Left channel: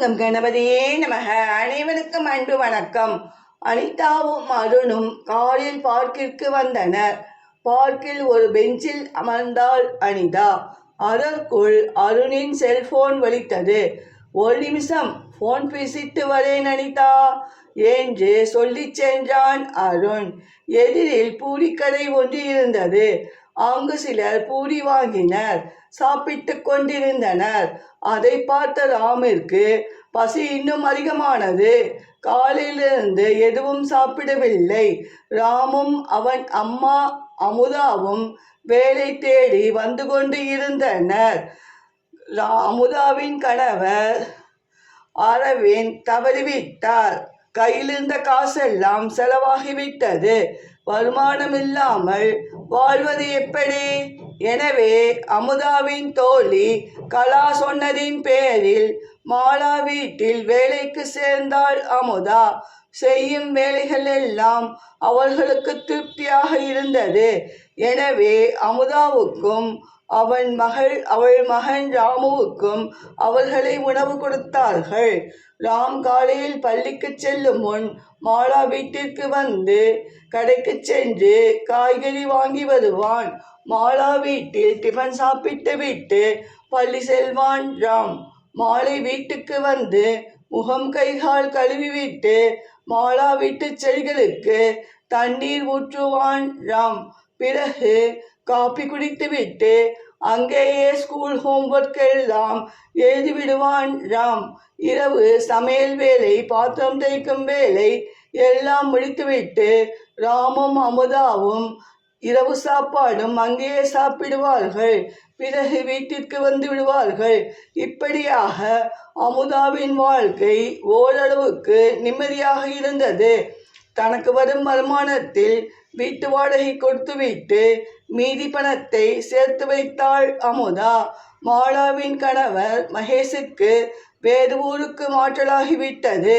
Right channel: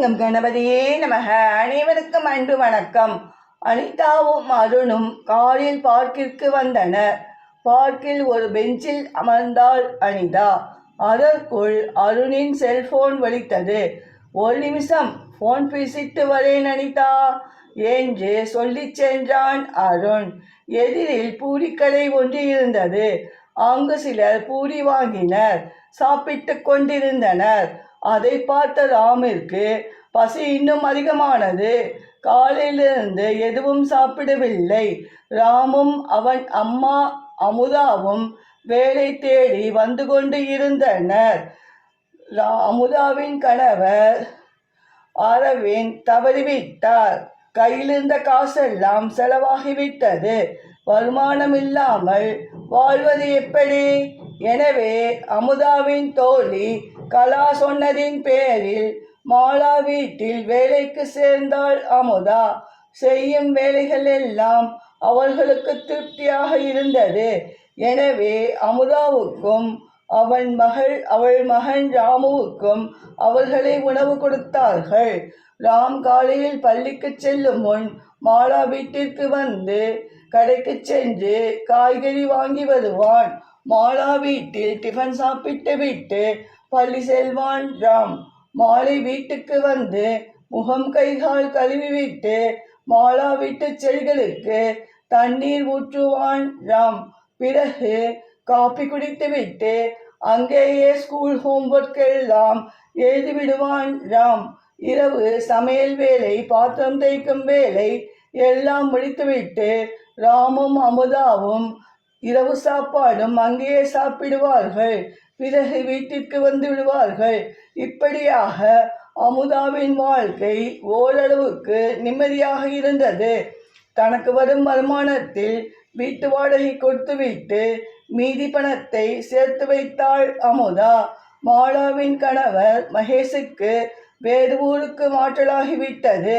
நம் கணபதியே நமக. அனைவருக்கும் அன்பு வணக்கம். அனிதாவும் அருணும் காரில் பார்க்கிற்கு வந்தனர். பார்க்கில் ஒரு பெஞ்சில் அமர்ந்தாள் அனிதா. அதற்குள் அருணின் செல்போன் ஒலித்தது ஒரு நிமிஷம் ஃபோன் பேசிட்டு வரேன் அனிதா என்று சொல்லிச் சென்றான் அருண். எதிரில் பூரிக்கடை ஒன்று இருந்தது. அங்கு சிலர் பூரி வாங்கினர் சாப்பிட்டுக் கொண்டிருந்தனர். அதை பார்த்த ராமிற்கு பசி இன்னும் அதிகமானது. காலையிலிருந்து எதுவும் சாப்பிடவில்லை. ராமும் அவன் அம்மா அமுதாவும் வேலை தேடி வந்து கொண்டு இருந்தனர். ரா- அமுதாவின் கணவர் அரவிந்த் தவறிவிட்டார். கையிலிருந்த காசெல்லாம் செலவாகிவிட்டது. வருமானம் இல்லாமல் வாழ்வது எப்படி? எனவே அமுதாவின் தோழி கலா சொன்னதின் பேரில் மாலா வீட்டில் வேலைக்கு சேர்ந்தாள் அமுதா. செய்யும் வேலைகள் எல்லாம் அவர்களுக்கு திருப்தியாக இருந்தது. எனவே அமுதாவுக்கும் அவன் மகள் அவள் மகன் ராமுவுக்கும் அவர்களை உணவு கொடுத்தார்கள். ராம் காலையில் பள்ளிக்கு செல்லும் முன் மாலா வீட்டிற்கு வந்து கடைக்கு சென்று காய்கறி வாங்கி வருவான். மாலா வீட்டில் டிஃபன் சாப்பிட்டு விட்டு பள்ளி செல்வான் ராம் மாலை வீட்டுக்கு வந்து முகம் கைகால் கழுவி விட்டு மாலா வீட்டு செடிகளுக்கு தண்ணீர் ஊற்றுவான் ராம் பிறகு காபி குடித்து விட்டு அங்கேயே ஸ்கூல் ஹோம்ஒர்க் எல்லாம் எழுதி விடுவான் ராம். இரவு சமையல் வேலை பாத்திரம் தேய்க்கும் வேலை எல்லாம் முடித்துவிட்டு ராமும் அமுதாவும் இரவு சாப்பாடும் அங்கேயே சாப்பிடுவார்கள். பிறகு வீட்டிற்கு வந்து விடுவார்கள். இப்படியாக அமுதாவின் வாழ்க்கை ஓரளவுக்கு நிம்மதியாக இருந்தது. தனக்கு வரும் வருமானத்தில் வீட்டு வாடகை கொடுத்துவிட்டு மீதி பணத்தை சேர்த்து வைத்தாள் அமுதா. மாலாவின் கணவர் மகேஷுக்கு வேறு ஊருக்கு மாற்றலாகிவிட்டது.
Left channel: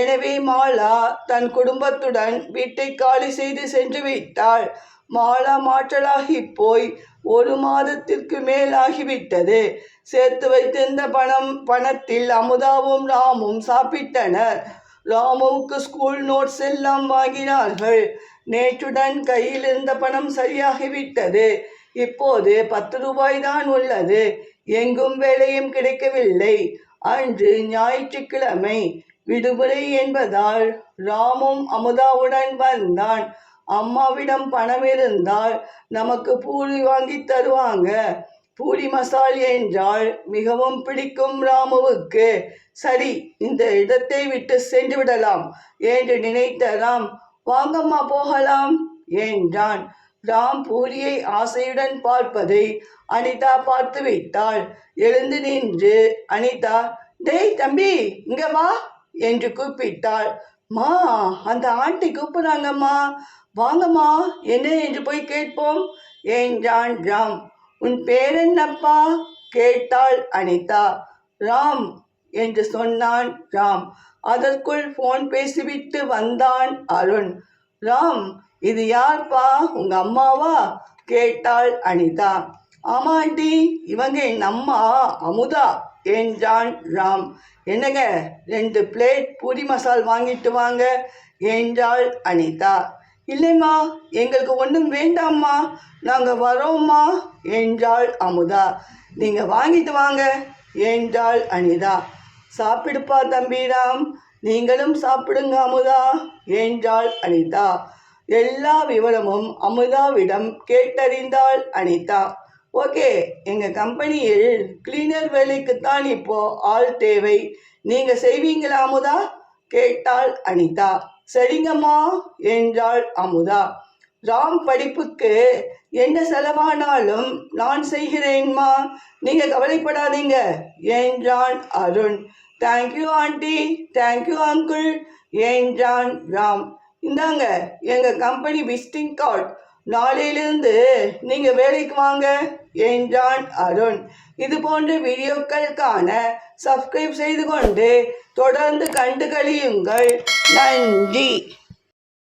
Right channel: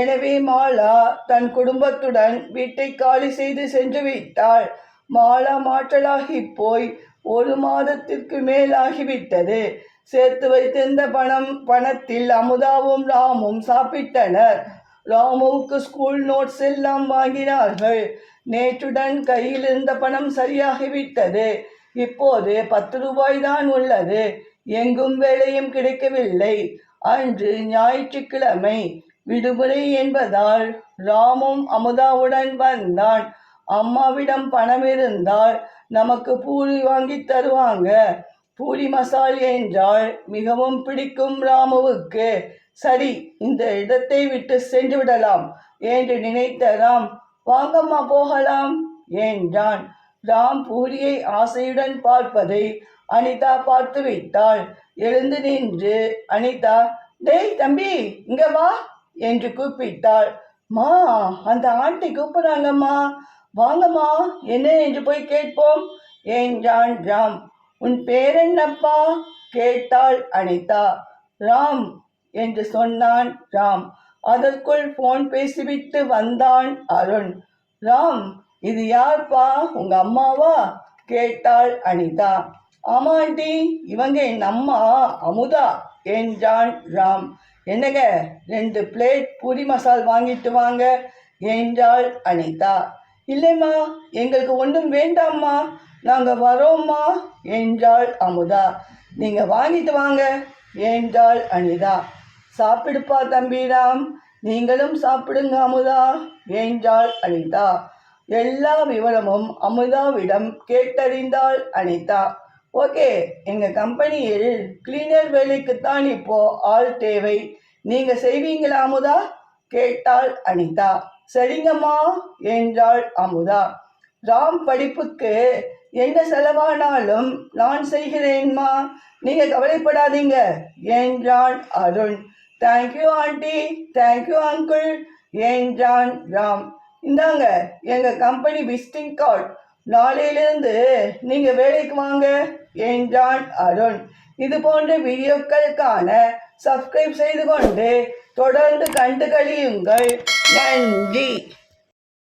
எனவே மாலா தன் குடும்பத்துடன் வீட்டை காலி செய்து சென்று விட்டாள் மாலா மாற்றலாகி போய் ஒரு மாதத்திற்கு மேல் ஆகிவிட்டது சேர்த்து வைத்திருந்த பணம் பணத்தில் அமுதாவும் ராமும் சாப்பிட்டனர். ராமுவுக்கு ஸ்கூல் நோட்ஸ் எல்லாம் வாங்கினார்கள். நேற்றுடன் கையில் இருந்த பணம் சரியாகிவிட்டது. இப்போது பத்து ரூபாய் தான் உள்ளது. எங்கும் வேலையும் கிடைக்கவில்லை. அன்று ஞாயிற்றுக்கிழமை விடுமுறை என்பதால் ராமும் அமுதாவுடன் வந்தான். அம்மாவிடம் பணம் இருந்தால் நமக்கு பூரி வாங்கி தருவாங்க. பூரி மசால் என்றால் மிகவும் பிடிக்கும் ராமுவுக்கு. சரி இந்த இடத்தை விட்டு சென்று விடலாம் என்று நினைத்த ராம் வாங்கம்மா போகலாம் என்றான். ராம் பூரியை ஆசையுடன் பார்ப்பதை அனிதா பார்த்து விட்டாள் எழுந்து நின்று அனிதா டேய் தம்பி இங்க வா என்று கூப்பிட்டாள். மா அந்த ஆண்டி கூப்பிடுறாங்கம்மா. வாங்கம்மா என்ன என்று போய் கேட்போம் என்றான் ராம். உன் பேர் என்னப்பா கேட்டாள் அனிதா. ராம் என்று சொன்னான் ராம். அதற்குள் ஃபோன் பேசிவிட்டு வந்தான் அருண். ராம் இது யார்ப்பா? உங்க அம்மாவா? கேட்டாள் அனிதா. ஆமாண்டி இவங்க என் அம்மா அமுதா என்றான் ராம். என்னங்க ரெண்டு பிளேட் பூரி மசால் வாங்கிட்டு வாங்க என்றாள் அனிதா. இல்லைம்மா எங்களுக்கு ஒன்றும் வேண்டாம்மா. நாங்கள் வரோம்மா என்றாள் அமுதா. நீங்கள் வாங்கிட்டு வாங்க என்றாள் அனிதா. சாப்பிடுப்பா தம்பிராம். நீங்களும் சாப்பிடுங்க அமுதா என்றாள் அனிதா. எல்லா விவரமும் அமுதாவிடம் கேட்டறிந்தாள் அனிதா. ஓகே எங்கள் கம்பெனியில் கிளீனர் வேலைக்குத்தான் இப்போ ஆள் தேவை. நீங்கள் செய்வீங்களா அமுதா? கேட்டாள் அனிதா. சரிங்கம்மா என்றாள் அமுதா. ராம் படிப்புக்கு என்ன செலவானாலும் நான் செய்கிறேன்மா. நீங்கள் கவலைப்படாதீங்க என்றான் Arun. Thank you aunty thank you uncle என்றான் ராம் இந்தாங்க எங்கள் கம்பெனி விசிட்டிங் கார்டு நாளையிலிருந்து நீங்கள் வேலைக்கு வாங்க. என்றான் அருண். இது போன்ற வீடியோக்களுக்கான சப்ஸ்கிரைப் செய்து கொண்டு தொடர்ந்து கண்டு கழியுங்கள். நன்றி.